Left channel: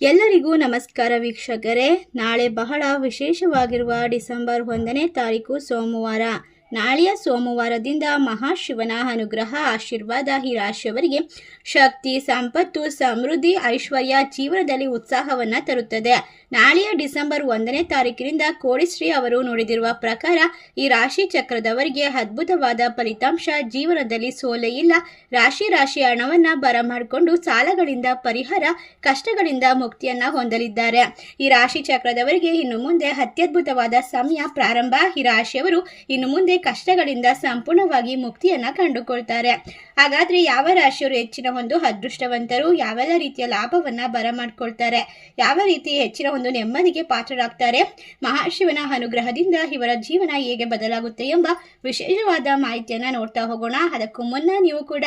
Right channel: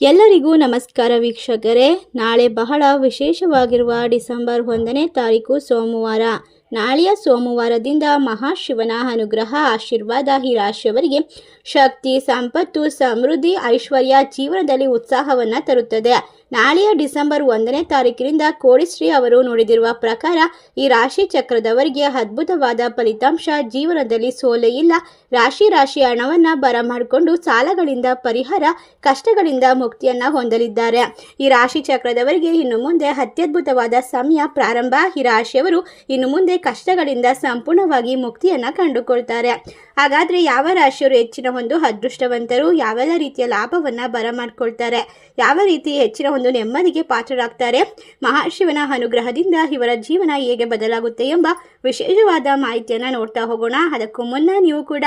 ಎಲ್ಲರಿಗೂ ನಮಸ್ಕಾರ ವೀಕ್ಷಕರೇ. ನಾಳೆ ಬಹಳ ವಿಶೇಷವಾಗಿರುವ ಡಿಸೆಂಬರ್ ಒಂದನೇ ತಾರೀಕು ಸೋಮವಾರ. ನಾಳೆಯ ಸೋಮವಾರದಿಂದ ಮಹಾಶಿವನ ಅನುಗ್ರಹ, ಆಶೀರ್ವಾದ ಈ ರಾಶಿಯವರಿಗೆ ಶಕ್ತಿ, ಸಂಪತ್ತು, ಸಮೃದ್ಧಿ, ಐಶ್ವರ್ಯ ಜೀವನದಲ್ಲಿ ಉತ್ಸಾಹವನ್ನು ತರುತ್ತದೆ. ನಾಳೆಯ ಡಿಸೆಂಬರ್ ಒಂದನೇ ತಾರೀಕಿನಿಂದ ಕೋಡಿಶ್ರೀ ಅವರು ನೋಡಿದಿರುವ ಪ್ರಕಾರ, ಈ ರಾಶಿ ಚಕ್ರದವರಿಗೆ ಅದ್ಭುತವಾದ ಫಲಿತಾಂಶ ಜೀವನದಲ್ಲಿ ಸೋಲೆ ಇಲ್ಲ. ರಾಶಿ ರಾಶಿ ಹಣವನ್ನು ಬರಮಾಡಿಕೊಂಡು ಸಾಲಗಳಿಂದ ಪರಿಹಾರ, ಕಷ್ಟಗಳಿಂದ ಮುಕ್ತಿಯನ್ನ ಹೊಂದಲಿದ್ದಾರೆ. ಈ ರಾಶಿ ಚಕ್ರದವರಿಗೆ ಇನ್ನು ಮುಂದೆ ಅತ್ಯದ್ಭುತವಾದ ಸಮಯ ಪ್ರಾರಂಭ. ಈ ರಾಶಿಯವರು ಇನ್ನು ಮುಂದೆ ಕಷ್ಟಗಳಿಂದ ಸಂಪೂರ್ಣವಾಗಿ ಮುಕ್ತಿಯನ್ನ ಕಂಡುಕೊಳ್ತಾರೆ. ಹಾಗಾದ್ರೆ ಯಾವ ರಾಶಿಯವರು ಹೆಚ್ಚಿನ ಒಂದು ಅದೃಷ್ಟವಂತರು? ಯಾವೆಲ್ಲ ರೀತಿಯ ಲಾಭವನ್ನ ಬರಮಾಡ್ಕೊಳ್ತಾರೆ ಯಾವ ರೀತಿ ಹೆಚ್ಚಿನ ಒಂದು ನೆಮ್ಮದಿಗೆ ಪಾತ್ರರಾಗ್ತಾರೆ. ಮಹಾಶಿವನ ಅನುಗ್ರಹದಿಂದ ಇವರ ಜೀವನ ಹೇಗೆ ಬದಲಾಗುತ್ತೆ ಎಂಬ ವಿಶೇಷವಾದ ಮಾಹಿತಿಯನ್ನ ನೋಡ್ತಾ ಹೋಗೋಣ. ಅದಕ್ಕೂ ಮುನ್ನ ನೀವು ಕೂಡ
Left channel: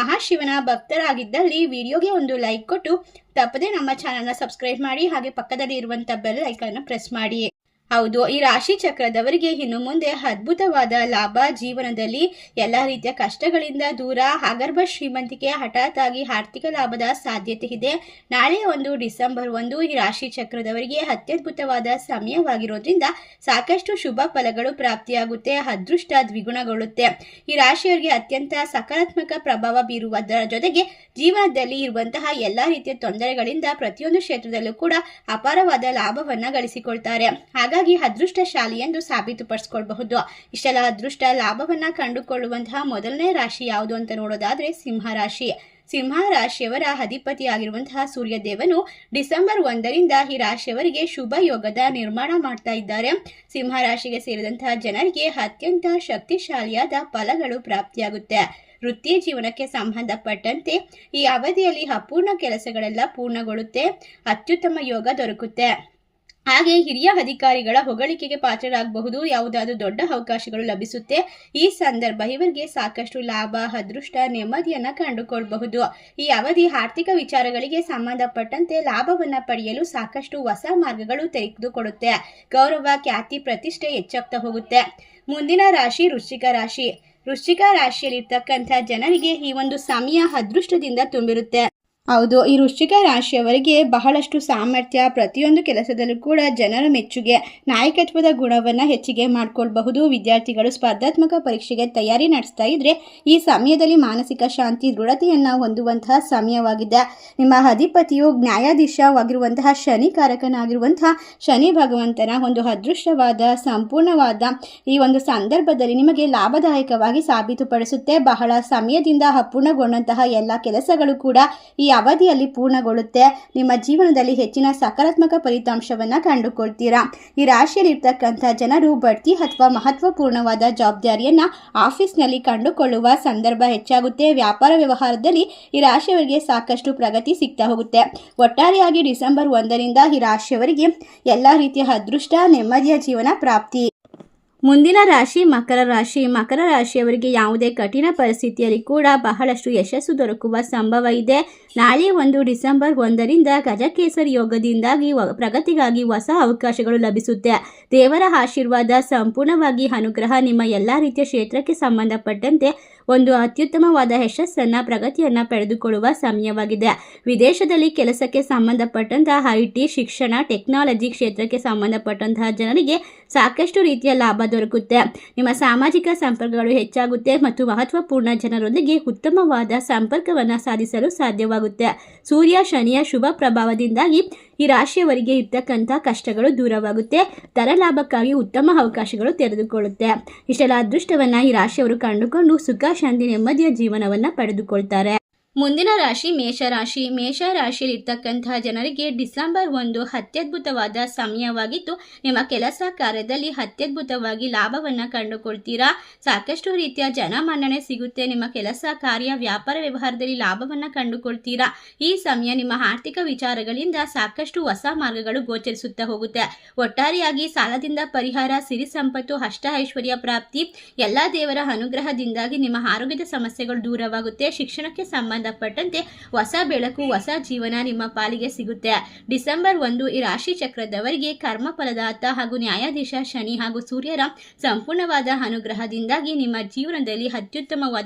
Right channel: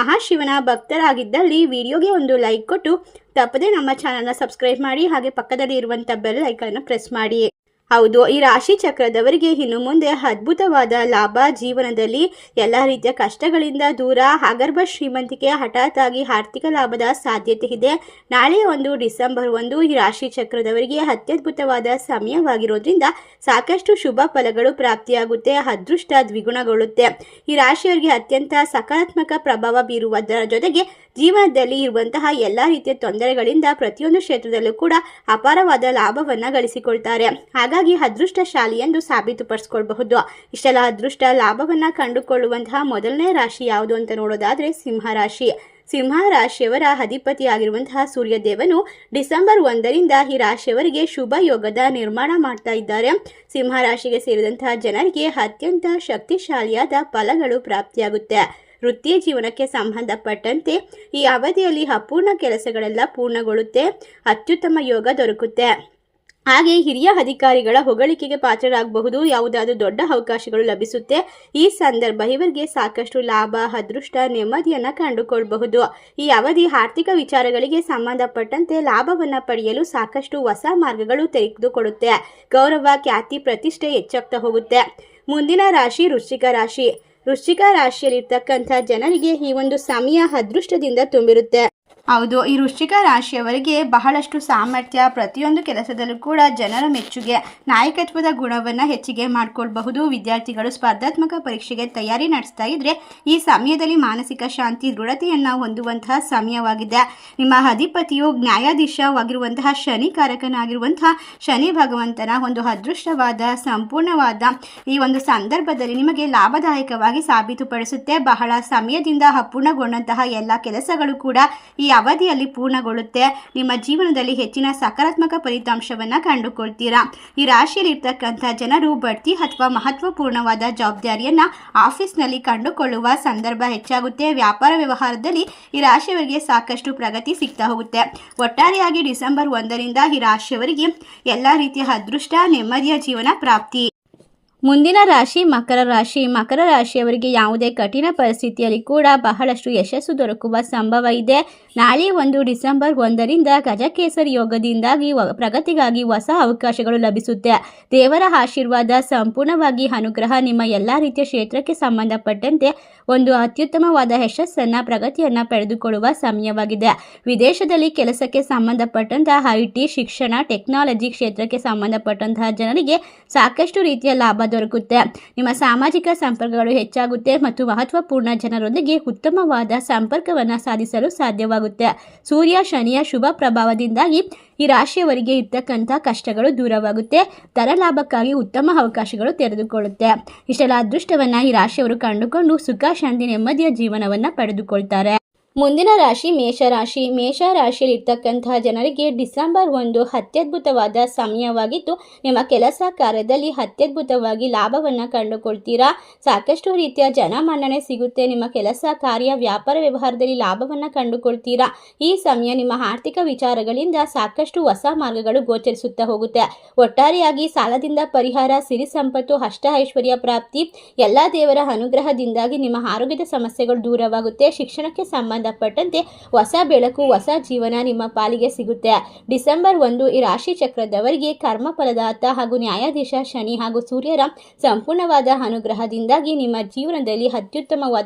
ಮಹಾಶಿವನ ಭಕ್ತರಾಗಿದ್ದಲ್ಲಿ ವಿಡಿಯೋಗೆ ಒಂದು ಲೈಕ್ ಕೊಟ್ಟು ತಪ್ಪದೇ ನಮ್ಮ ಚಾನಲ್ನ ಸಬ್ಸ್ಕ್ರೈಬ್ ಮಾಡಿ ಹಾಗೆ ಪಕ್ಕದಲ್ಲಿ ಇರುವಂಥ ಬೆಲ್ ಐಕನ್ನ ಪ್ರೆಸ್ ಮಾಡಿ. ಹೌದು, ಈ ರಾಶಿ ಚಕ್ರದವರಿಗೆ ಇನ್ನು ಮುಂದೆ ಅದ್ಭುತವಾದ ಲಾಭ ಜೀವನದಲ್ಲಿ ಎಲ್ಲ ರೀತಿಯ ಕಷ್ಟಗಳಿಂದ ದೂರ. ಆಗರ್ಭ ಶ್ರೀಮಂತಿಕೆ ಹಠಾತ್ ಆಗಿ ಆರ್ಥಿಕ ಲಾಭದ ಸಾಧ್ಯತೆ ಇದೆ. ನಾಳೆ ಒಂದು ಡಿಸೆಂಬರ್ ಒಂದು ಈ ರಾಶಿ ಚಕ್ರದವರಿಗೆ ಅತ್ಯದ್ಭುತವಾದ ಸಮಯವಾಗಿರೋದ್ರಿಂದ ಸಾಕಷ್ಟು ಶುಭ ಫಲಗಳು ಪ್ರಾಪ್ತಿಯಾಗುತ್ತೆ, ಅದೃಷ್ಟ ದ್ವಿಗುಣಗೊಳ್ಳುತ್ತೆ. ಈ ರಾಶಿಯವರಿಗೆ ಅತ್ಯಂತ ಸಕಾರಾತ್ಮಕ ಪ್ರಭಾವ ಬೀರುವುದರ ಜೊತೆಗೆ ಜೀವನದಲ್ಲಿ ಇರುವಂತಹ ಎಲ್ಲ ರೀತಿಯ ತೊಂದರೆಗಳಿಂದ ಪ್ರತಿಯೊಂದು ಕ್ಷೇತ್ರದಲ್ಲೂ ಕೂಡ ಅಪಾರವಾದ ಲಾಭವನ್ನು ಗಳಿಸಿಕೊಳ್ತಾರೆ. ಹಾಗಾಗಿ ಅದೃಷ್ಟಶಾಲಿ ಎಂದು ಸಾಬೀತುಪಡಿಸ್ಕೊಳ್ಬಹುದು ಇಷ್ಟೆಲ್ಲ ಅದೃಷ್ಟ ಲಾಭವನ್ನ ಕಂಡುಕೊಳ್ಳುವಂತಹ ಮೊದಲನೇ ರಾಶಿ ಯಾವುದು ಅಂತ ನೋಡೋದಾದ್ರೆ ಸಿಂಹ ರಾಶಿ. ಸಿಂಹ ರಾಶಿಯವರ ಅಧಿಪತಿಯಾಗಿರುವಂತಹ ಸೂರ್ಯದೇವನು ಡಿಸೆಂಬರ್ ಒಂದರಿಂದ ಈ ರಾಶಿಯವರಿಗೆ ಶುಭ ಯೋಗದ ನಿರ್ಮಾಣ ಮಾಡ್ತಾ ಇದ್ದಾರೆ. ಸಿಂಹ ರಾಶಿಗೆ ಸೇರಿದಂತಹ ಜನರಿಗೆ ಅತ್ಯಂತ ಶಕ್ತಿಶಾಲಿಯಾದ ಫಲಗಳು ಪ್ರಾಪ್ತಿಯಾಗುತ್ತೆ. ವೃತ್ತಿ ಜೀವನಕ್ಕೆ ಸಂಬಂಧಪಟ್ಟಂತೆ ಈ ಅವಧಿಯಲ್ಲಿ ಅಪೂರ್ಣ ಕೆಲಸಗಳೆಲ್ಲ ಪೂರ್ಣಗೊಳ್ಳುತ್ತೆ. ಅತ್ಯುತ್ತಮ ಯೋಗ ದೊರಕುತ್ತೆ. ಹಾಗೆ ಹಿರಿಯ ಅಧಿಕಾರಿಗಳ ಹೊಗಳಿಕೆಗೆ ಪಾತ್ರರಾಗಬಹುದು. ಯಾವುದಾದ್ರೂ ದೊಡ್ಡ ಅವಕಾಶಗಳು ಲಭಿಸುತ್ತೆ. ಈ ಸಂದರ್ಭ ಇವರಿಗೆ ಸಾಕಷ್ಟು ಲಾಭ, ಅದೃಷ್ಟ, ನೆಮ್ಮದಿಯನ್ನು ಕಂಡುಕೊಳ್ಬಹುದು ಈ ಅವಧಿ ಆರ್ಥಿಕ ವಿಚಾರಗಳಿಗೆ ಸಂಬಂಧಪಟ್ಟಂತೆ ಲಾಭವನ್ನು ಪಡೆಯಲು ಸಾಕಷ್ಟು ಹೊಸ ಮಾರ್ಗಗಳು ತೆಗೆದುಕೊಡುತ್ತೆ ಗೌರವ, ಖ್ಯಾತಿ, ಪ್ರತಿಷ್ಠೆ ಹೆಚ್ಚಾಗ್ತಾ ಹೋಗುತ್ತೆ. ಮುಂದಿನ ರಾಶಿ ವೃಶ್ಚಿಕ ರಾಶಿ. ವೃಶ್ಚಿಕ ರಾಶಿಯಲ್ಲಿರ್ತಕ್ಕಂಥ ಜನರಿಗೆ ಈ ಒಂದು ಸಮಯ ಅದೃಷ್ಟದಿಂದ ತುಂಬಿರುತ್ತೆ. ಹೌದು, ಈ ವೃಶ್ಚಿಕ ರಾಶಿಯವರಿಗೆ ಬಹಳಷ್ಟು ಸಾಮರ್ಥ್ಯ, ಪ್ರತಿಯೊಂದು ಕೆಲಸದಲ್ಲೂ ಕೂಡ ಜನರ ಮೆಚ್ಚುಗೆ, ನಾಯಕತ್ವದ ಗುಣವನ್ನು ಹೆಚ್ಚಿಗೆ ಮಾಡಿಕೊಳ್ಬಹುದು. ವಿದ್ಯಾರ್ಥಿಗಳು ಸ್ಪರ್ಧಾತ್ಮಕ ಪರೀಕ್ಷೆಗೆ ತಯಾರಿ ನಡೆಸ್ತಾ ಇದ್ರೆ ಈ ಸಮಯದಲ್ಲಿ ಮಾನಸಿಕ ಶಾಂತಿ, ದೃಢತೆಯನ್ನು ಹೊಂದುವಂತಹ ಸಮಯವಾಗಿದೆ. ನಿಮ್ಮ ಅಧಿಪತಿಯು ನ್ಯಾಯಾಧೀಶವಾಗಿರುವಂತಹ ಶನಿ ಕಾರಕನಾಗಿರುವಂತಹ ಶನಿ ಭಗವಂತನ ಒಂದು ಅದೃಷ್ಟವಾದ, ಸಂಪೂರ್ಣವಾದ ಈ ಒಂದು ಸಂದರ್ಭದಲ್ಲಿ ನಿಮಗೆ ಲಾಭದಾಯಕವಾಗಿ ಸಾಬೀತುಪಡಿಸುತ್ತೆ. ಬಹಳ ಸಮಯದಿಂದ ಅಪೂರ್ಣಗೊಂಡಂತಹ ಎಲ್ಲ ಕೆಲಸಗಳು ಕೂಡ ಈ ಅವಧಿಯಲ್ಲಿ ಪೂರ್ಣಗೊಳ್ಳುತ್ತೆ. ನಿಮ್ಮ ಜೀವನದಲ್ಲಿ ಹೆಚ್ಚಿನ ಸಕಾರಾತ್ಮಕ ಫಲಿತಾಂಶವನ್ನು ಕಂಡುಕೊಳ್ತೀರಾ? ಈ ರಾಶಿಯಲ್ಲಿ ಇರ್ತಕ್ಕಂಥ ಜನರು ಬಡ್ತಿ ಅಥವಾ ಮಹತ್ವಪೂರ್ಣವಾದ ಜವಾಬ್ದಾರಿಯನ್ನು ಆಫೀಸ್ನಲ್ಲಿ ಕಂಡುಕೊಳ್ಳುವ ಸಂದರ್ಭ ಹೆಚ್ಚಾಗುತ್ತೆ. ವ್ಯಾಪಾರ ವ್ಯವಹಾರದಲ್ಲಿ ಈ ರಾಶಿಯವರಿಗೆ ಸಾಕಷ್ಟು ಪ್ರಗತಿ ಸಿಗ್ತಾ ಹೋಗುತ್ತೆ. ಒಟ್ಟಾರೆಯಾಗಿ ಡಿಸೆಂಬರ್ ಒಂದರಿಂದ ಈ ರಾಶಿಯವರಿಗೆ ಎಲ್ಲ ರೀತಿಯ ಅದೃಷ್ಟ, ನೆಮ್ಮದಿಯ ಜೀವನ ಪ್ರಾಪ್ತಿ. ಮುಂದಿನ ರಾಶಿ ಮಕರ ರಾಶಿ. ಮಕರ ರಾಶಿಯವರಿಗೆ ಯಾವುದೇ ಕಠಿಣ ಪರಿಸ್ಥಿತಿಯಲ್ಲಿ ಕೂಡ ಬಹಳಷ್ಟು ಯಶಸ್ಸು ದೊರಕುವ ಸಂಭವ ಇದೆ. ನಾಳೆ ಒಂದು ಡಿಸೆಂಬರ್ ಒಂದರಿಂದ ಗಜಕೇಸರಿ ಯೋಗದಿಂದಾಗಿ ಪ್ರಗತಿಗಾಗಿ ಹೊಸ ಅವಕಾಶಗಳು ಲಭಿಸುತ್ತೆ. ದೇವರ ಆಶೀರ್ವಾದ ಸಂಪೂರ್ಣವಾಗಿ ಅನುಗ್ರಹ ನಿಮ್ಮ ಎಲ್ಲ ರೀತಿಯ ಕ್ಷೇತ್ರಕ್ಕೆ ಸಂಬಂಧಪಟ್ಟಂತೆ ಒಂದು ಅತ್ಯುತ್ತಮವಾದ ಯಶಸ್ಸನ್ನು, ಪ್ರಗತಿಯನ್ನು ಪಡೆದುಕೊಳ್ಳುವ ಸಮಯವಾಗಿದೆ. ವಿದೇಶದಲ್ಲಿ ಕೆಲಸಕ್ಕೆ ಸಂಬಂಧಪಟ್ಟಂತಹ ಐ ಶಿಕ್ಷಣ, ಟೆಕ್ನಾಲಜಿ ಕ್ಷೇತ್ರಕ್ಕೆ ಸಂಬಂಧಪಟ್ಟಂತಹ ಜನರಿಗೆ ಸಾಕಷ್ಟು ರೀತಿಯ ಲಾಭ ದೊರಕುತ್ತೆ. ನಿಮ್ಮ ಸಾಮಾಜಿಕ ಸಂಪರ್ಕಗಳು ಹೆಚ್ಚಾಗುತ್ತೆ ಮತ್ತು ಮಹತ್ವಪೂರ್ಣ ಜನರೊಂದಿಗೆ ಉತ್ತಮವಾದ ಸಂಪರ್ಕವನ್ನು ಸಾಧಿಸಲು ಸಾಧ್ಯವಾಗುತ್ತೆ. ಸೂರ್ಯ, ಶನಿಯ ಶುಭ ಪ್ರಭಾವದಿಂದಾಗಿ ಈ ರಾಶಿಯವರಿಗೆ ಇರ್ತಕ್ಕಂಥ ಕಷ್ಟಗಳು ದೂರವಾಗುತ್ತೆ. ದರ ಲಾಭಕ್ಕಾಗಿ ಉತ್ತಮ ಅವಕಾಶಗಳು ತೆರೆದುಕೊಳ್ಳುತ್ತೆ. ಇಷ್ಟೆಲ್ಲ ಅದೃಷ್ಟವನ್ನು ಈ ರಾಶಿಯವರು ಕಂಡುಕೊಂಡು ಸುಖ, ಶಾಂತಿ, ನೆಮ್ಮದಿಯ ಜೀವನವನ್ನು ಪಡೆದುಕೊಳ್ತಾರೆ. ಮುಂದಿನ ರಾಶಿ ಮೇಷರಾಶಿ. ಮೇಷ ರಾಶಿಯಲ್ಲಿ ಇರ್ತಕ್ಕಂತಹ ಜನರಿಗೆ ಡಿಸೆಂಬರ್ ಒಂದು ಅತ್ಯದ್ಭುತವಾದ ಸಮಯವಾಗಿದ್ದು, ನಿಮ್ಮ ಕೆಲಸ ಕಾರ್ಯದಲ್ಲಿ ಅತ್ಯದ್ಭುತವಾಗಿ ಲಾಭವನ್ನು ಕಂಡುಕೊಳ್ತೀರಾ? ಸಾಕಷ್ಟು ರೀತಿಯ ಜನಮನ್ನಣೆ ಸಿಗುತ್ತೆ. ನಿಮ್ಮ ಕೆಲಸ ಕಾರ್ಯ, ವ್ಯಾಪಾರ ವ್ಯವಹಾರದಲ್ಲಿ ಲಾಭವನ್ನು ಕಂಡುಕೊಳ್ತೀರಾ? ಈ ಸಮಯ ನಿಮ್ಮ ಆರ್ಥಿಕ ವಿಚಾರಗಳಿಂದ ಸಾಕಷ್ಟು ಹೊಸ ಮಾರ್ಗಗಳು ಗೋಚರಿಸುತ್ತಾ ಹೋಗುತ್ತೆ. ಒಟ್ಟಾರೆಯಾಗಿ ಸಾಲದಿಂದ ಪರಿಹಾರ, ಸಿರಿ ಸಂಪತ್ತು, ಅಷ್ಟ ಐಶ್ವರ್ಯ ಪ್ರಾಪ್ತಿ, ಎಲ್ಲ ದೇವರ ಅನುಗ್ರಹದಿಂದಾಗಿ ನಿಮ್ಮ ಆರೋಗ್ಯದ ಸಮಸ್ಯೆಗಳು ದೂರವಾಗುತ್ತೆ. ಶಿಕ್ಷಣಕ್ಕೆ ಸಂಬಂಧ ಸಂಬಂಧಪಟ್ಟಂತೆ ಹೊಸ ಬೆಳಕು, ಹೊಸ ಜೀವನ ನಿಮ್ಮ ಪಾಲಿಗೆ ಸಿಗುತ್ತೆ. ಡಿಸೆಂಬರ್ ಒಂದು ಈ ರಾಶಿ ಚಕ್ರದವರಿಗೆ ಕರ್ಮ ಫಲದಾತ ಹಾಗೂ ನ್ಯಾಯಾಧೀಶ ಶನಿ ಹಾಗೂ ಸೂರ್ಯರ ಸಂಪೂರ್ಣವಾದ ಅನುಗ್ರಹದಿಂದಾಗಿ ನಿಮ್ಮ ಜೀವನದಲ್ಲಿ ಅತ್ಯುತ್ತಮವಾದ